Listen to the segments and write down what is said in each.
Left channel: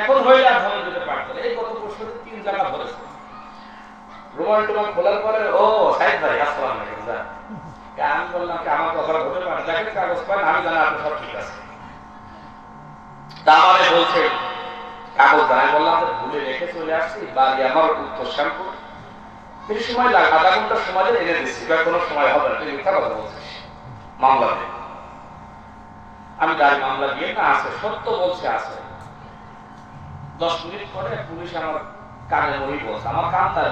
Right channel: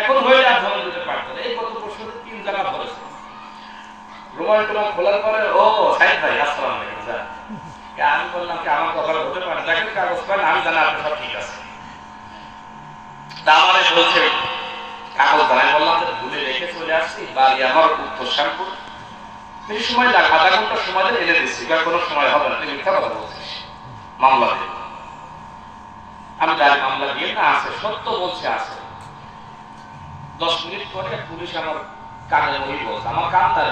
এখন হইলে আর ধর্ম দিতে পারতো এই গত বছর তিন জায়গা ধরেছে রুমাল খোলার পরে, ও ভাই, আসসালাম আমি বললাম কি আমার কথা হতে পারে, দেখেন কাগজ পান, আমি জানি সব ঠিক আছে। বলছে বললাম ভুলে রেখে চলে আসছি, বাড়ি আমার উত্তর শ্যামপুর। বেশি সময় লাগে আধা ঘণ্টা সময় এনে দিচ্ছি এবার কোনো সময় হবে না মিথ্যা কথা বলছিস মামলা দিয়ে। আমি গাড়ি মামলা দিয়ে না, আছে, সত্য বলছে, আছে। দশ মিনিট পরে পুলিশ আমার কানে বহি বলছে। আমার কান তার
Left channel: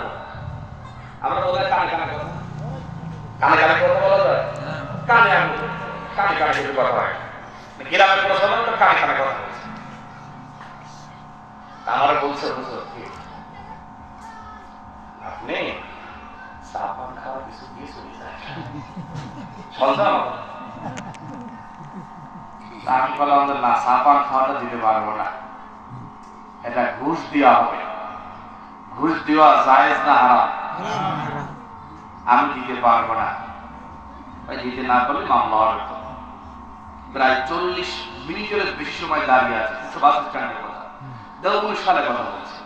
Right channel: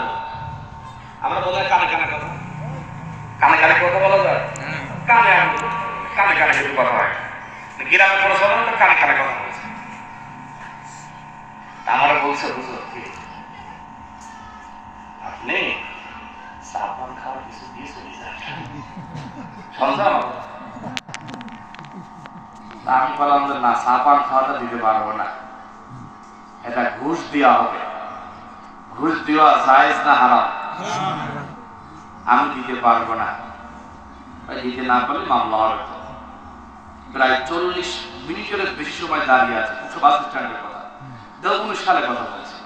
আমরা বলে কানে কানে কথা। কানে কানে কথা বলা যায়? কানে আমি কানে কানে যদি কথা হয়। গ্রামে কোনো তো কানে কানে কথা বলছে। আমার বলছে বুঝো আপনি সাবান কিছু দিয়ে চলে যান আমি বললাম যে না সাবান খাওয়াটা দিতে পারব না। এটা ঘুষ দেওয়া হবে। ঘুষ দেওয়া জায়েজ না হারাম? আমি দিতে পারব না। দিতে না পারলে মামলা হবে প্রায় চল্লিশ মিনিটের বেশি সময় দাঁড়িয়ে আছে। কিছু বাস স্ট্যান্ডের কথা। দেড় উনিশ সালে কথা বলছে।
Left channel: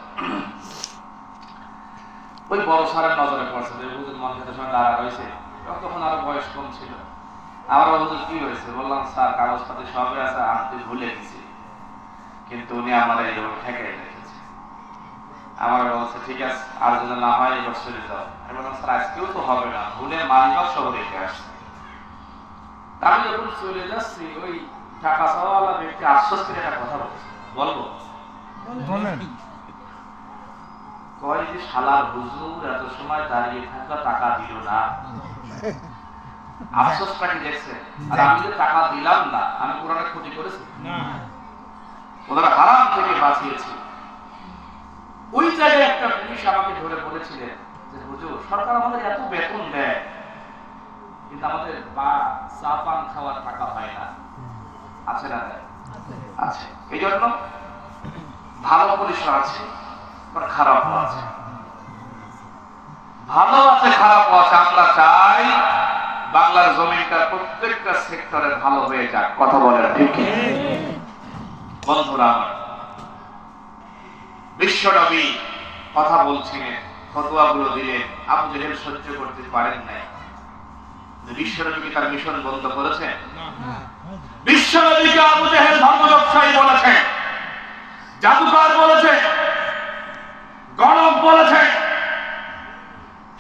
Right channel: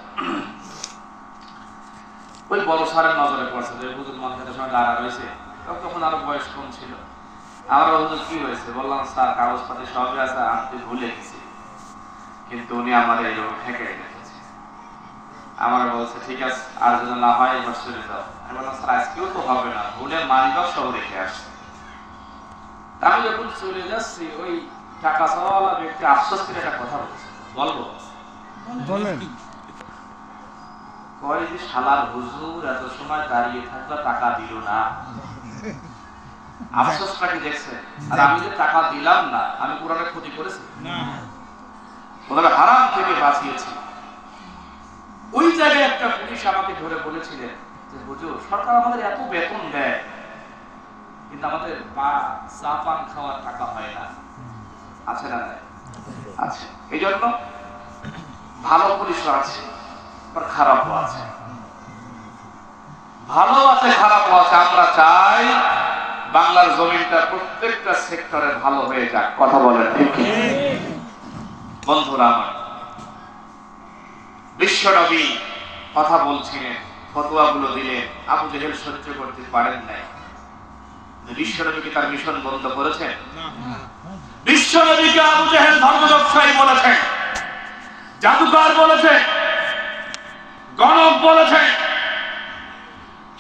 ওই বড় সারের নজরে পড়ছে। যে হুজুর মঞ্চের সঙ্গে দাঁড়া রয়েছে, তখন আরও বয়স কম ছিল আমার হুজুর কি হয়েছে? বললাম, স্যার, কাগজপাতি সবই আছে আনতে ভুলে গেছি কিন্তু উনি আমার এই ঠেকে রেখেছে আমার বলছে ঠিক আছে আর যদি না হয় এবার চলে যাও। আমি বললাম স্যার আজকেও তো হবে না ভুলে মানবাব সব রেখে আসছে। আমি যখন চলে যাচ্ছি ওই টাকা চাওয়ালা ব্যক্তি আশ্বাস একটা কথা বলছে। বলব? বলেন। কয় যে শালার হুজুর এত সময় দাঁড়িয়ে থাকল টাকা দিল না। আফসোসটা কি দেখছে আর আমি যে টাকা দিলাম না আমি কোরআনে ক্ষতি করেছি? না। ওনারা হারাম থেকে বাঁচিয়েছি ওই জায়গায় একটা পুলিশ আমাকে ধরে বলেছিলেন যে, হুজুর, সরকার আমাদের এত বেতন দেয়, কিন্তু আমাদের বা চা পান খাওয়ার টাকা হয় না। আছে না আছে। এই জন্য ভালো পুলিশও আছে, আবার খারাপও আছে। ভালো আছে, খারাপও আছে। আমরা চাই বাংলার জমিটা প্রত্যেকটা সেক্টরে ভালো হয়ে যাক। কথা বলেন, ঠিক? বন্ধুরা আমার, বিশ্বনবী কথা বলছিলেন ফতোয়াগুলো দিলেন, আবু জেহেল সহ্য করতে পারেন নাই। বিশ্বনবীকে তার মিশন বন্ধ করেছে? বিশ্বনবীকে আবু জেহেল ধর্ম ব্যবসায়ী বলেছে, জাদুকর বলেছে, গণক বলেছে।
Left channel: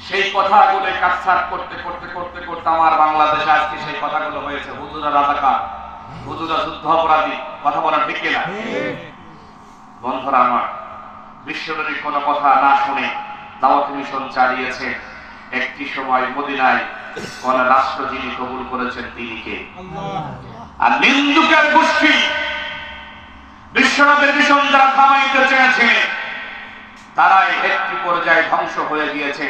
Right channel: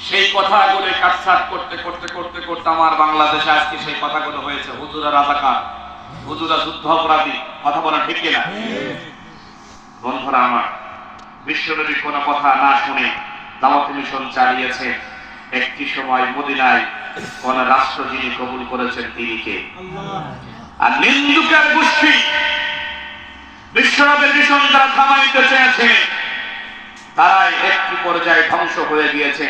সেই কথাগুলো কাটছাট করতে করতে করতে করতে আমার বাংলাদেশে আজকে সেই কথাগুলো হয়েছে, হুজুরা রাজাকার, হুজুরা যুদ্ধ অপরাধী কথা বলা ঠিক কিনা? বন্ধুরা আমার বিশ্বনবী কোনো কথা না শুনে দাওয়াত মিশন চালিয়েছে, একটি সময় মদিনায় কোন রাষ্ট্র যিনি কবুল করেছেন তিনি কে? আর নিন্দুকের গোষ্ঠী বিশ্বনবীর মিশন যারা থামাইতে চেয়েছে, তারাই একটি পর্যায়ে ধ্বংস হয়ে গিয়েছে।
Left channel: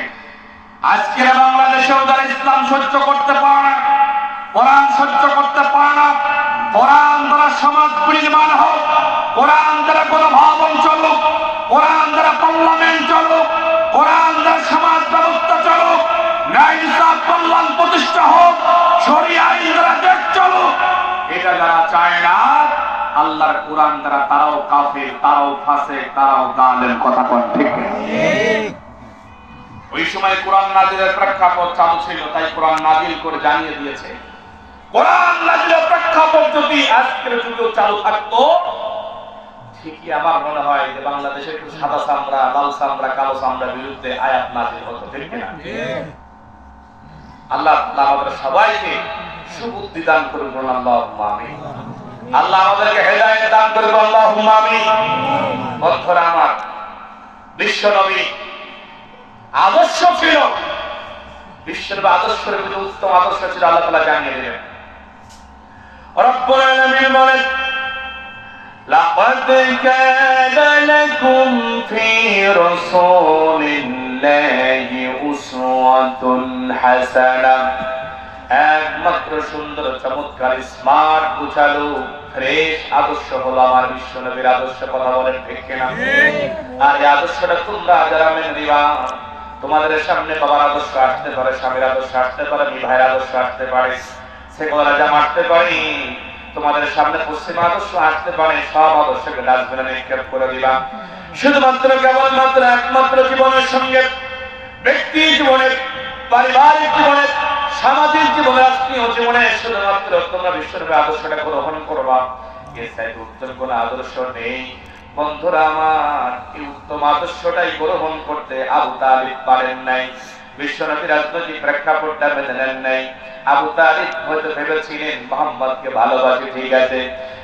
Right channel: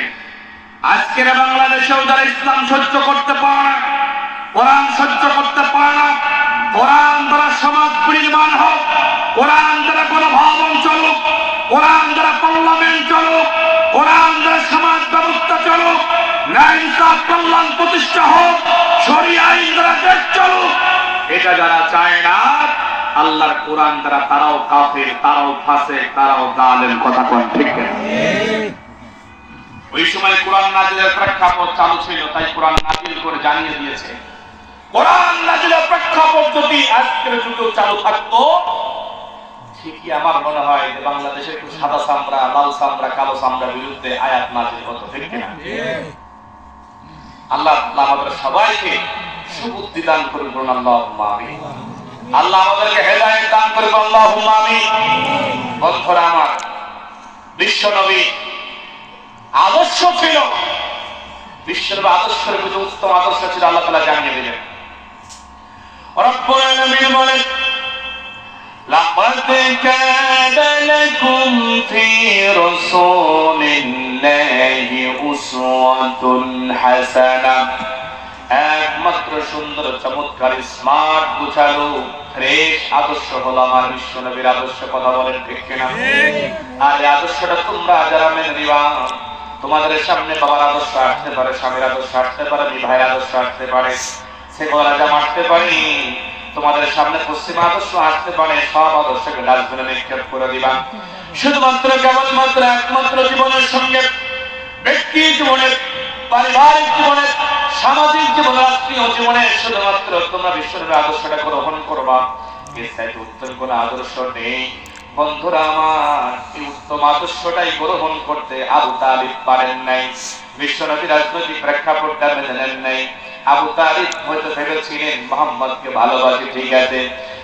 আজকের বাংলাদেশেও যারা ইসলাম সহ্য করতে পারে না, কোরআন সহ্য করতে পারে না সমাজ নির্মাণ হোক, কোরআন দ্বারা কোনো ভবন চলুক, কোরআন দ্বারা পার্লামেন্ট চলুক, কোরআন দ্বারা সমাজ ব্যবস্থা চলুক কল্যাণ প্রতিষ্ঠা হোক এটা যারা চায় না, আল্লাহর কোরআন দ্বারা তারাও কাফের, তারাও ফাসে, তারাও জালেম, কথা কোন ঠিক ওই সময় কোরআন নাজিলের প্রেক্ষাপট চালু ছিল, তাই কোরআন নাজিল করে জানিয়ে দিয়েছে। কোরআন প্রেক্ষাপট যদি আজকের যুগেও চালু থাকতো, ঠিকই আমার মনে হয় যে বাংলাদেশে একটু সাদা লাল কালো বিরুদ্ধে আয়াত হতো, ঠিক কিনা? আল্লাহ আমাদের সবাইকে সুবুদ্ধি দান আল্লাহুম্মা আমিন। আল্লাহ আমাদেরকে হেদায়েত দান আমিন। বন্ধুরা আমার, বিশ্ব নবী আদর্শ ছিল। বিশ্বের বা আদর্শের উত্তম আদর্শ ছিল, আল্লাহ তাআলা জানিয়ে দিলেন। রব্বুল আলামিন বলেন لقد كان لكم في رسول الله أسوة حسنة একমাত্র সুন্দর চমৎকার স্মার্ট গুছালো ফ্রেশ আদর্শ হলো আমার বিশ্ব নবীর আদর্শ কথা বলেন ঠিক কিনা আর এই আদর্শটা তোমরা যারা মেনে নিবা তোমাদের সামনে বাবার আদর্শ আসতে পারে স্বামীর আদর্শ আসতে পারে ভাইয়ের আদর্শ আসতে পারে সে গলা জামা আসতে পারি তোমাদের সামনে পশ্চিম আদর্শ আসতে পারে, সব আদর্শকে ডাস্টবিনে নিক্ষেপ করে দিবা শুধুমাত্র কেবলমাত্র একমাত্র জীবনের সঙ্গে, ব্যক্তি জীবনের, পারিবারিক জীবনের, সামাজিক জীবনে রাষ্ট্রীয় জীবনে শুধুমাত্র তোমরা বিশ্বরূপে আদর্শটা গ্রহণ করবা। এর চাইতে উত্তম কোন আদর্শ নেই। বন্ধুরা আমার, এই উত্তম আদর্শটাই গ্রহণ করতে আবু তালিব পারেন নাই। বিশ্বনবী রাজনৈতিক প্রেক্ষাপটটা মেনে নেন নাই। আবু তালিব হয়তো ভেবেছিলেন, মোহাম্মদকে ভালোবাসে, ঠিক আছে।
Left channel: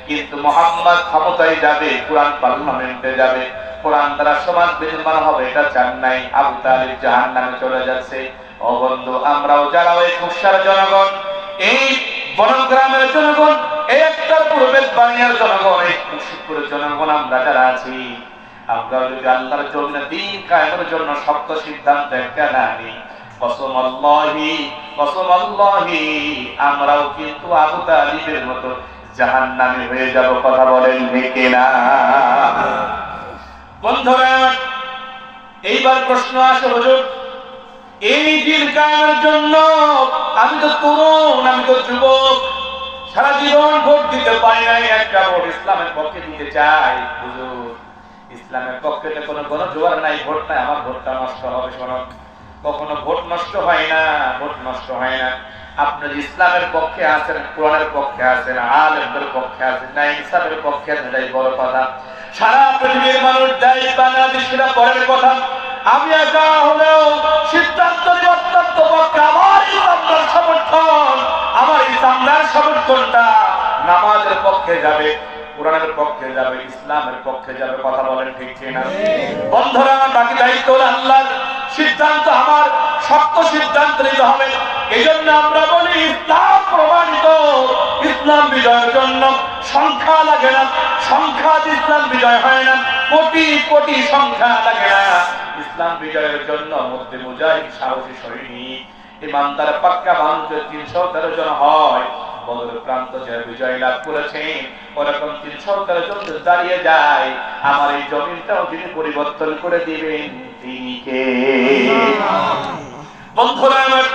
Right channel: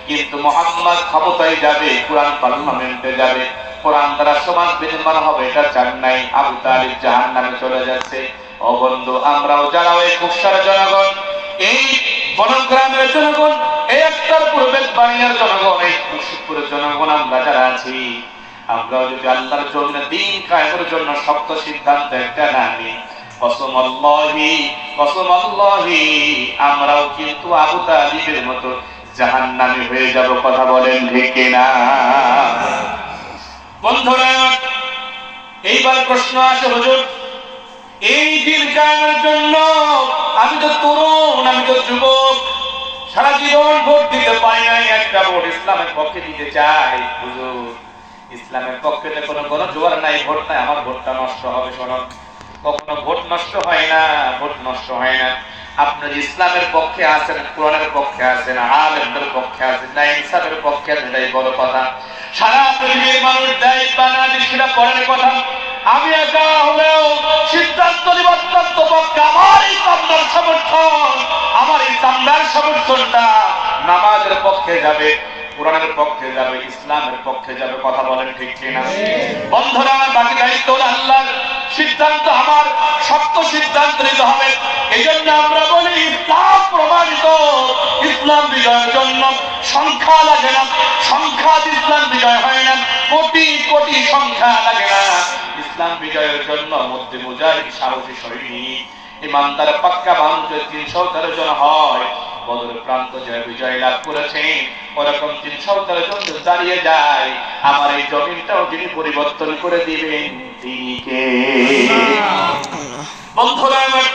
কিন্তু মোহাম্মদ ক্ষমতায় যাবে, কোরআন পার্লামেন্টে যাবে। কোরআন দ্বারা সমাজ বিনির্মাণ হবে, এটা চান নাই। আবু তালিব জাহান নামে চলে যাচ্ছে। ও বন্ধু, আমরাও যারা ওই খুশার জনগণ, এই বনগ্রামের জনগণ একটার পূর্বের বাংলার জনগণ, এই মুর্শিদপুরের জনগণ আমরা যারা আছি আমরা যদি আল্লাহর জন্য দিন কায়েমের জন্য শক্ত সিদ্ধান্ত একটা না নিই কসম আল্লাহি কসম আল্লাহি আমরাও কিন্তু আবু তালিবের মতো জাহান্নামী হয়ে যাব, কথা বলেন ঠিক না বন্ধুরা, এইবার প্রশ্ন আসে, হুজুর, এই দিন জন্য আমি তো তরুণ, আমি তো যুবক, সারা জীবন ভোট দিতে পারি নাই, একটা ভোট ইসলামের পক্ষে দিতে চাই, হুজুর। ইসলামের পক্ষে তো কোনো কোনো জোয়ার নাই, ভোট নাই, আমার ভোটটা নষ্ট হবে শোনো কখনো ভোট নষ্ট হয় না ভোট নষ্ট হয় না। আপনি ইসলামের পক্ষে আছেন কোরআনের পক্ষে আছেন আলেমদের পক্ষে আছেন না ইনসাফের পক্ষে আছেন এটাই বড় কথা। সারা পৃথিবীর মানুষ দেয় বাংলাদেশিরা পরের কথা আমি একা হলেও সিদ্ধান্ত নিব অত্যন্ত পক্ষে। আমার ইসলামদার সমর্থন আমার ইসলামদার সমর্থনটা নামাজের পক্ষে যাবে কোরআনের পক্ষে যাবে ইসলামের পক্ষে যাবে কথা বলেন ঠিক কিনা? বন্ধুরা বাকি দায়িত্ব হলো আল্লাহর। সিদ্ধান্ত আমার শক্ত সিদ্ধান্ত নিতে হবে। এই জন্য আমরা বলি, ইসলাম প্রমাণিত। ইসলাম বিজয়ের জন্য সংখ্যা লাগে না। সংখ্যা ইসলাম বিজয় হয় না। কোটি কোটি সংখ্যা লাগে না। ইসলাম বিজয়ের জন্য মধ্যে মুজাহিদ, সাহসী সৈনিক পাক্কা মানুষ তিনশো তেরো জন হয়। বদর প্রান্ত যে বিজয় লাভ করেছে ওরকম তিনশো তেরো জন দাঁড়িয়ে যায়। আমার এই জমিনটাও যিনি পরিবর্তন করে দিবেন, তিনি কে? আমার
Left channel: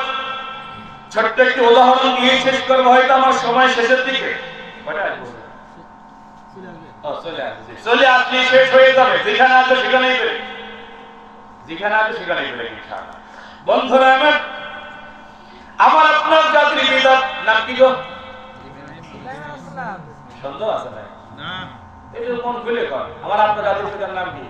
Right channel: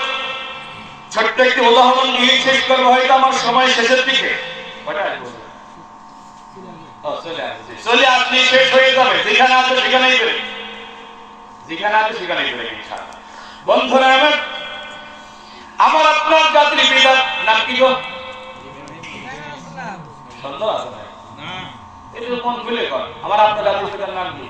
ছোট্ট একটি উদাহরণ দিয়ে শেষ করব হয়তো আমার সময় শেষের দিকে। কটা আজ বলব? ও, চলে আসলে শেষ হয়ে যাবে। যেখানে আছে সেখানেই করে যেখানে আছে সেখানেই করে বন্ধুরা আমার আমার আপনার জাতির পিতা নাম কি গো? সন্দেহ আছে না। এটা মন খুলে কর। আমার আপনার জাতির পিতার নাম কি?